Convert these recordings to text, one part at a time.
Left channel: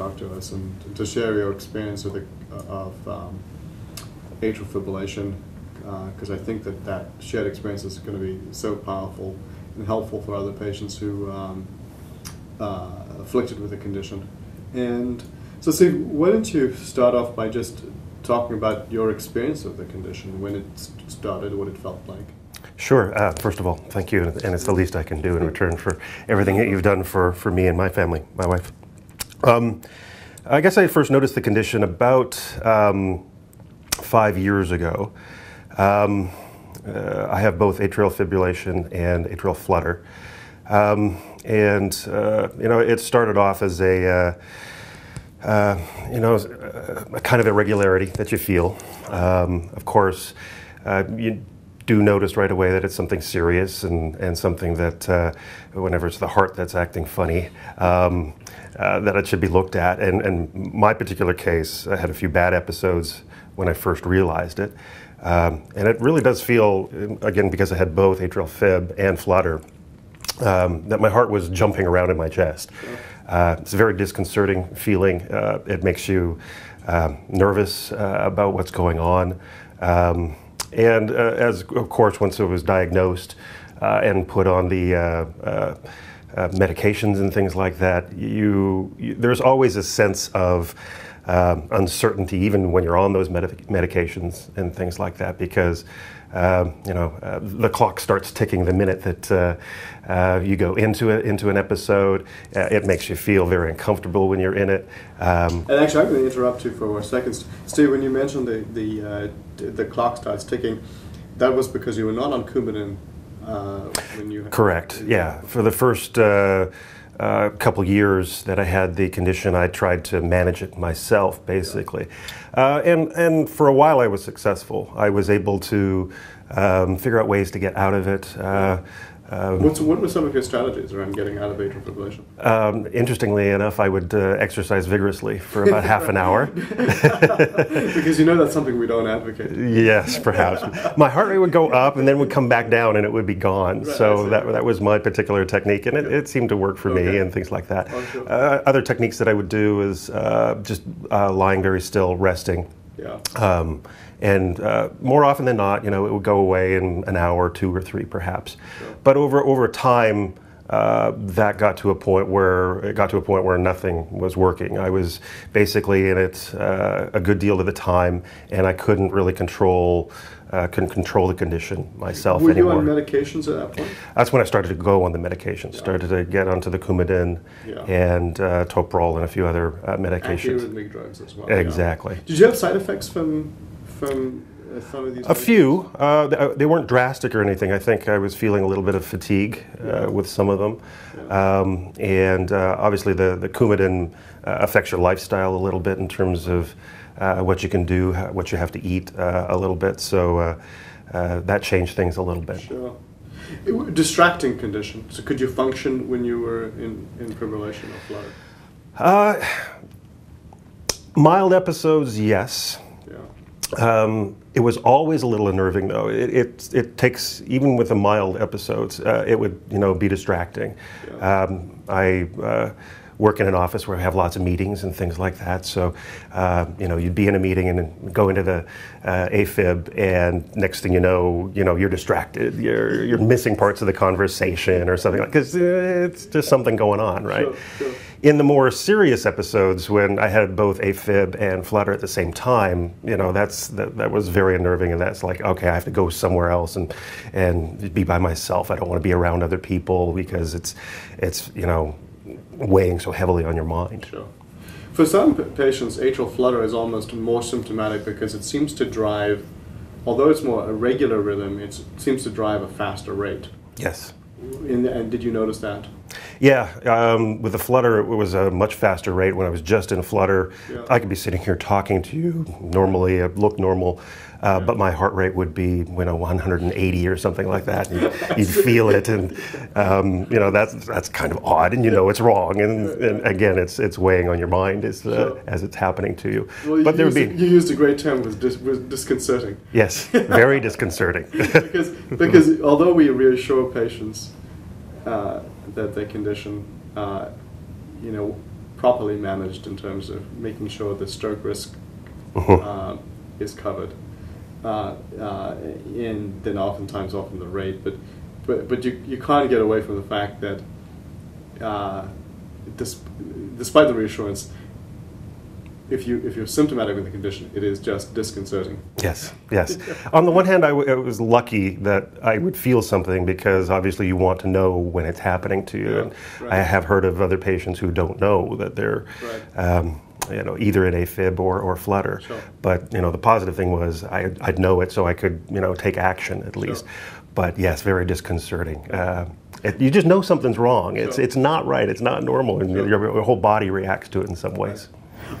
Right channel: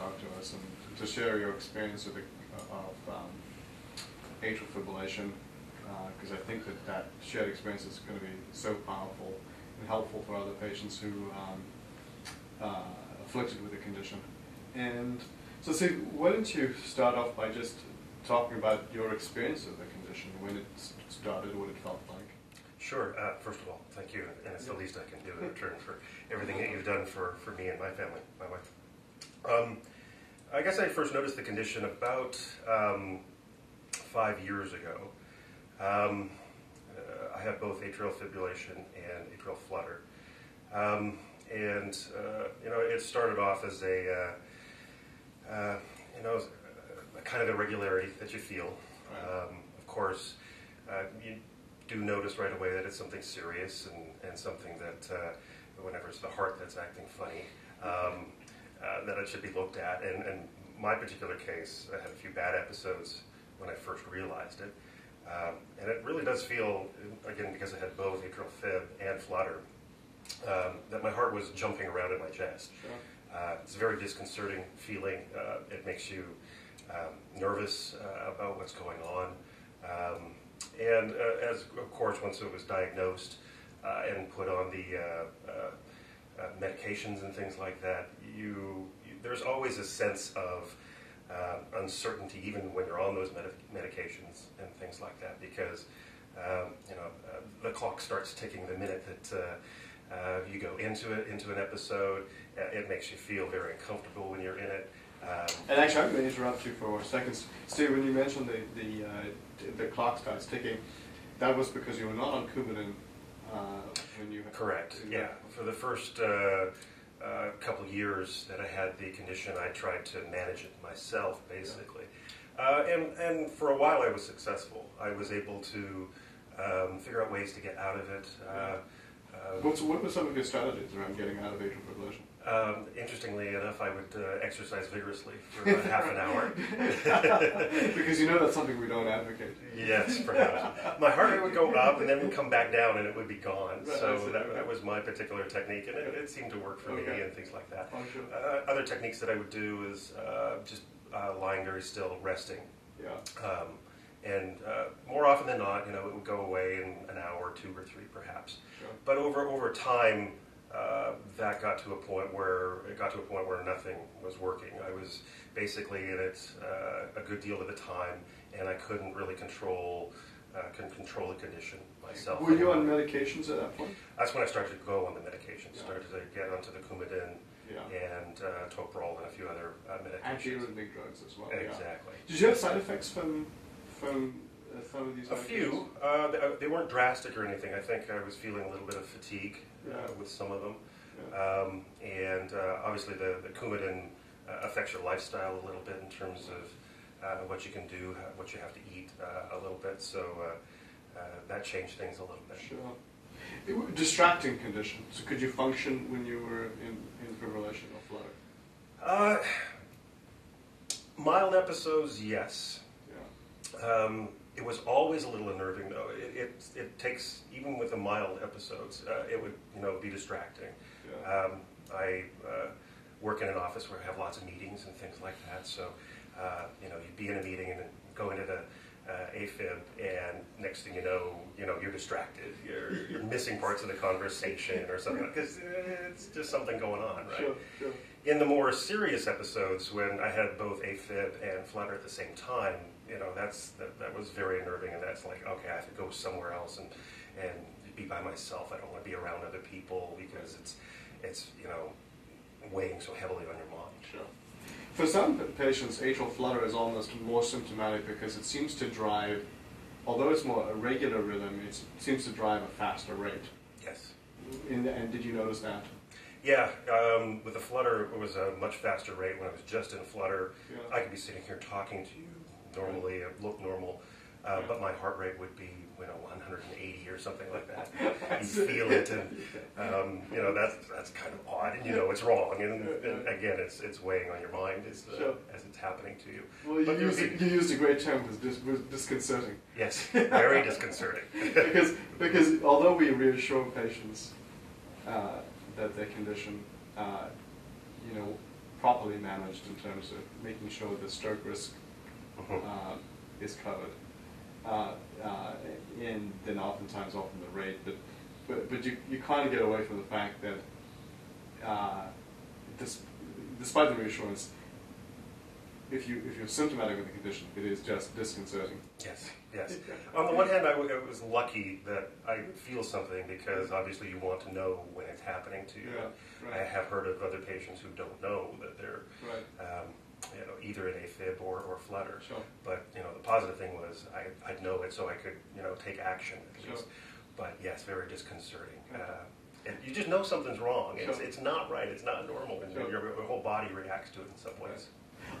talk to us and to share your experience of atrial fibrillation, because I think that shared experience is going to be so powerful and helpful for other patients who afflicted with the condition. And so, Steve, why don't you start off by just talking about your experience of the condition, when it started, what it felt like? Sure. First of all, thank you, and it's the least I can do in return for everything that you've done for me and my family, my wife. I guess I first noticed the condition about 5 years ago. I have both atrial fibrillation and atrial flutter. It started off as a kind of irregularity that you feel. Of course, you do notice right away that it's something serious and something that whenever it's the heart that's acting funny, that it should be looked at. And my particular case, I had a few bad episodes when I first realized it. And it really does feel, again, because I had both atrial fib and flutter, that my heart was jumping around in my chest. It's a very disconcerting feeling. It makes you nervous about what's going on. And as, of course, once it was diagnosed and put on the medications and things like that, there's always a sense of uncertainty, even when you're on those medications and things like that, because the clock starts ticking the minute that you go into an episode. It makes you feel very uncomfortable when you're in it. And actually, I'm going to interrupt you for a second. Steve, when you mentioned the clock starts ticking, that was because you were not on Coumadin when you... Correct, yeah. For the first couple years that I had the condition, I tried to manage it myself, basically. And for a while I was successful. I was able to figure out ways to get out of it. What were some of your strategies around getting out of atrial fibrillation? Interestingly enough, I would exercise vigorously for about half an hour. Because you know that's something we don't advocate. Yes, perhaps. My heart rate would go up and then would come back down and it would be gone. Right, so that was my particular technique, and it seemed to work for me and things like that. Oh, sure. Other techniques that I would do is just lying very still, resting. Yeah. And more often than not, it would go away in an hour, 2 or 3, perhaps. Sure. But over time, that got to a point where nothing was working. I was basically in it a good deal of the time, and I couldn't really control the condition myself anymore. Were you on medications at that point? That's when I started to go on the medications. Started to get onto the Coumadin and Toprol and a few other medications. Antiarrhythmic drugs as well. Exactly. Yeah. Did you have side effects from some of these? A few. They weren't drastic or anything. I think I was feeling a little bit of fatigue with some of them. Yeah. Obviously the Coumadin affects your lifestyle a little bit in terms of what you can do, what you have to eat a little bit. So that changed things a little bit. Sure. Distracting condition. So could you function when you were in fibrillation or flutter? Mild episodes, yes. It was always a little unnerving, though. It takes, even with the mild episodes, it would be distracting. Yeah. I work in an office where I have lots of meetings and things like that. So, you'd be in a meeting and go into the AFib, and next thing you know, you're distracted. You're missing parts of the conversation or something, because it's just something going on, right? Sure, sure. In the more serious episodes, when I had both AFib and flutter at the same time, that was very unnerving, and that's like, okay, I have to go somewhere else and be by myself. I don't want to be around other people because it's weighing so heavily on your mind. Sure. For some patients, atrial flutter is almost more symptomatic because it seems to drive, although it's more a regular rhythm, it seems to drive a faster rate. Yes. And did you notice that? Yeah, with the flutter, it was a much faster rate. When I was just in flutter, I could be sitting here talking to you normally, it looked normal, but my heart rate would be 180 or something like that. You'd feel it, and that's kind of odd, and it's wrong, and again, it's weighing on your mind as it's happening to you. Well, but you used a great term, was disconcerting. Yes, very disconcerting. because although we reassure patients that their condition, properly managed in terms of making sure the stroke risk is covered, and then oftentimes often the rate, but you kind of get away from the fact that despite the reassurance, if you're symptomatic of the condition, it is just disconcerting. Yes, yes. On the one hand, I was lucky that I would feel something, because obviously you want to know when it's happening to you. And right. I have heard of other patients who don't know that they're either in AFib or flutter. Sure. But the positive thing was I'd know it, so I could take action at least. Sure. But yes, very disconcerting. You just know something's wrong. It's not right. It's not normal, and your whole body reacts to it in some ways.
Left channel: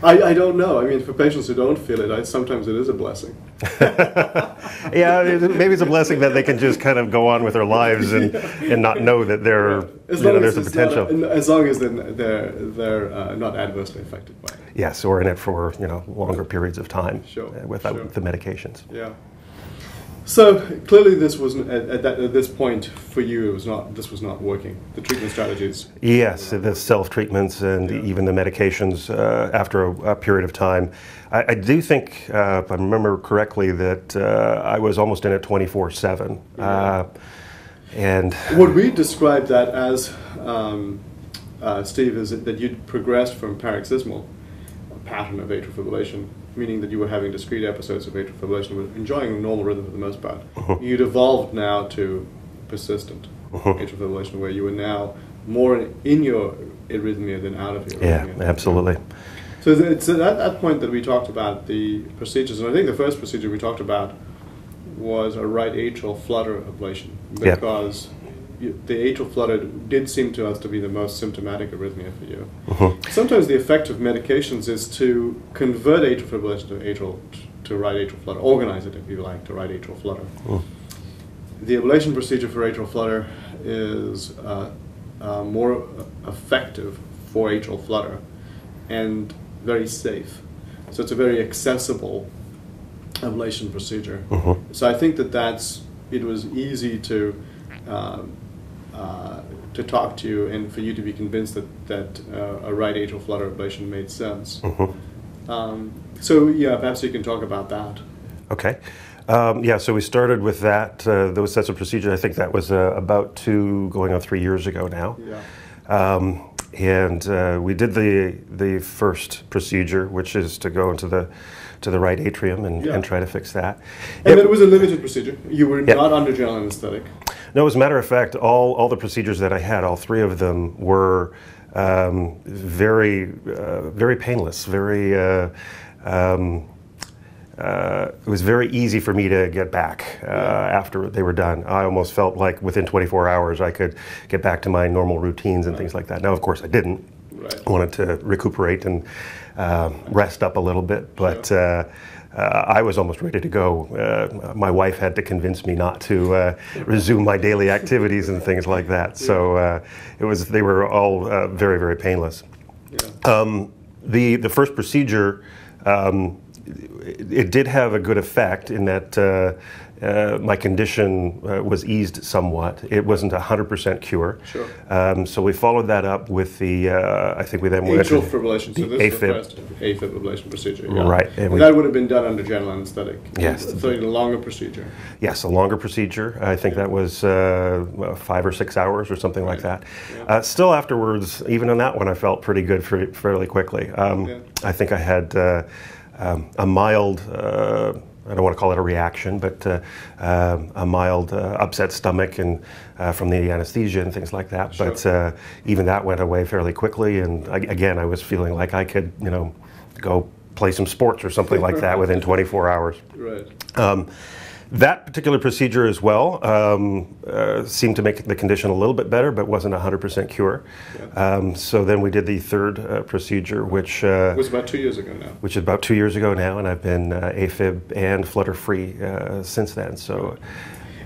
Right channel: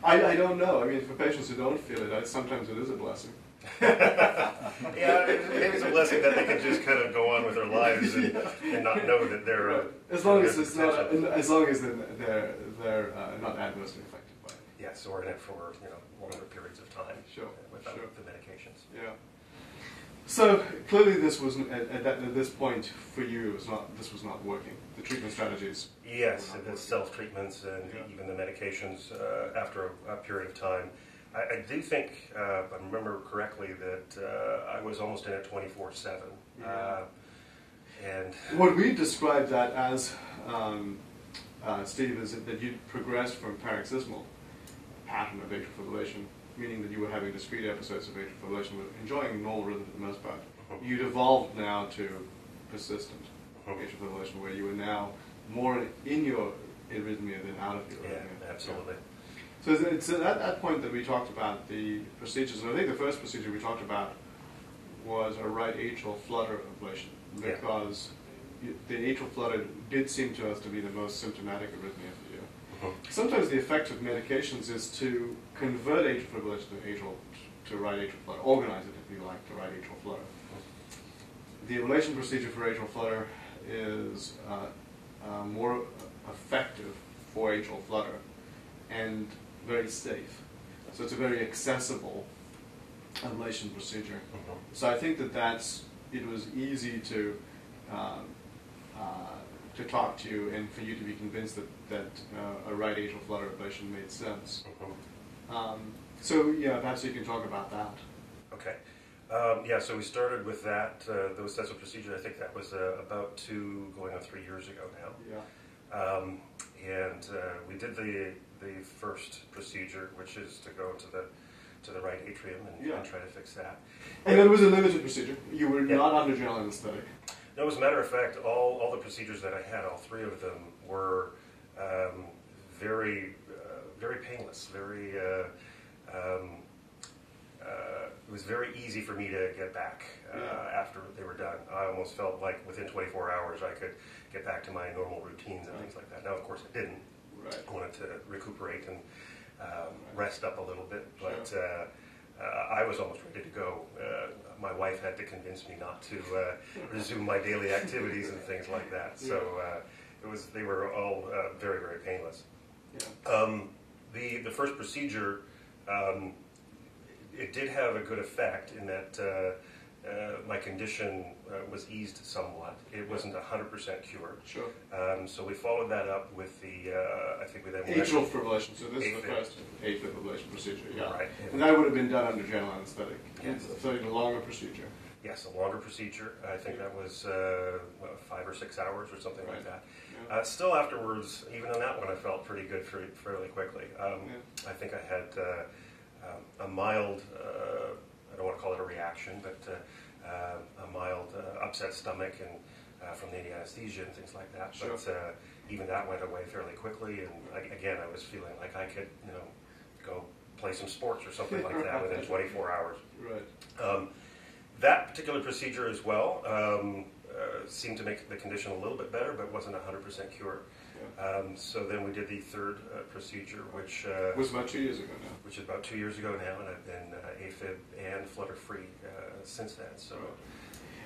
I don't know. I mean, for patients who don't feel it, sometimes it is a blessing. Yeah, maybe it's a blessing that they can just kind of go on with their lives and not know that there's a potential. As long as they're not adversely affected by it. Yes, or in it for longer periods of time without the medications. Yeah. So clearly, this was at this point for you. This was not working. The treatment strategies. Yes, the self-treatments and even the medications after a period of time. I do think, if I remember correctly, that I was almost in it 24/7. And what we described that as, Steve, is that you'd progressed from paroxysmal pattern of atrial fibrillation, meaning that you were having discrete episodes of atrial fibrillation, but enjoying a normal rhythm for the most part. You'd evolved now to persistent atrial fibrillation, where you were now more in your arrhythmia than out of your arrhythmia. Yeah, absolutely. So it's at that point that we talked about the procedures, and I think the first procedure we talked about was a right atrial flutter ablation, because the atrial flutter did seem to us to be the most symptomatic arrhythmia for you. Sometimes the effect of medications is to convert atrial fibrillation to right atrial flutter, organize it, if you like, to right atrial flutter. The ablation procedure for atrial flutter is more effective for atrial flutter and very safe. So it's a very accessible ablation procedure. So I think it was easy to talk to you and for you to be convinced that a right atrial flutter ablation made sense. So yeah, perhaps you can talk about that. Okay. So we started with those sets of procedures. I think that was about going on 3 years ago now. Yeah. And we did the first procedure, which is to go into the right atrium and try to fix that. And it was a limited procedure. You were not under general anesthetic. No, as a matter of fact, all the procedures that I had, all three of them were very painless. It was very easy for me to get back after they were done. I almost felt like within 24 hours I could get back to my normal routines and things like that. Now, of course, I didn't. Right. I wanted to recuperate and rest up a little bit, but I was almost ready to go. My wife had to convince me not to resume my daily activities and things like that. So they were all very, very painless. Yeah. The first procedure, it did have a good effect in that my condition was eased somewhat. It wasn't 100% cure. Sure. So we followed that up with I think we then went atrial fibrillation. So this is the first AFib ablation procedure. Yeah. Right. And that would have been done under general anesthetic. Yes. So a longer procedure. Yes, a longer procedure. I think that was 5 or 6 hours or something like that. Yeah. Still afterwards, even on that one, I felt pretty good fairly quickly. I think I had a mild, I don't want to call it a reaction, but a mild upset stomach and from the anesthesia and things like that. Sure. But even that went away fairly quickly, and again, I was feeling like I could, go play some sports or something like that within 24 hours. Right. That particular procedure as well seemed to make the condition a little bit better, but wasn't 100% cure. Yeah. So then we did the third procedure, which was about 2 years ago now. Which is about 2 years ago now, and I've been AFib and flutter-free since then. So.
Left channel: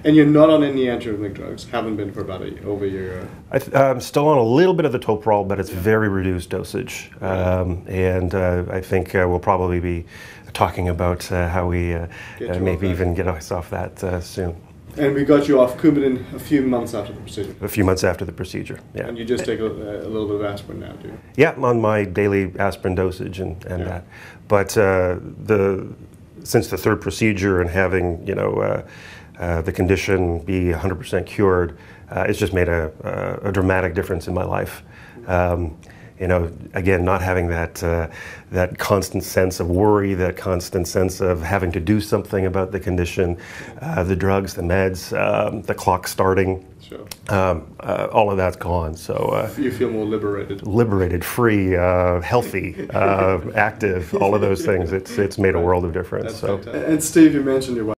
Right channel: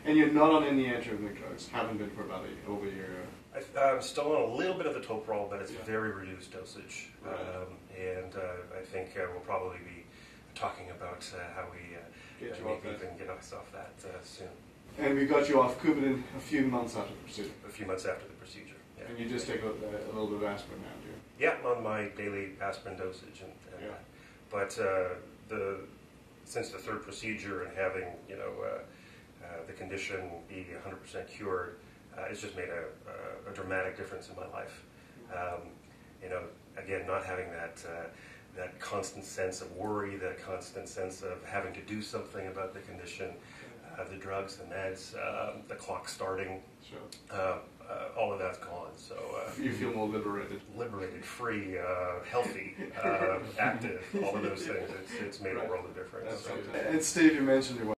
And you're not on any antiarrhythmic drugs? Haven't been for about over a year? I'm still on a little bit of the toprol, but it's very reduced dosage. And I think we'll probably be talking about how we maybe even get us off that soon. And we got you off Coumadin a few months after the procedure. A few months after the procedure, yeah. And you just take a little bit of aspirin now, do you? Yeah, I'm on my daily aspirin dosage and that. But since the third procedure and having, you know, the condition be 100% cured, it's just made a dramatic difference in my life. You know, again, not having that constant sense of worry, that constant sense of having to do something about the condition, the drugs, the meds, the clock starting. Sure. All of that's gone. So you feel more liberated. Liberated, free, healthy, active, all of those things. It's made a world of difference. So. And Steve, you mentioned your wife.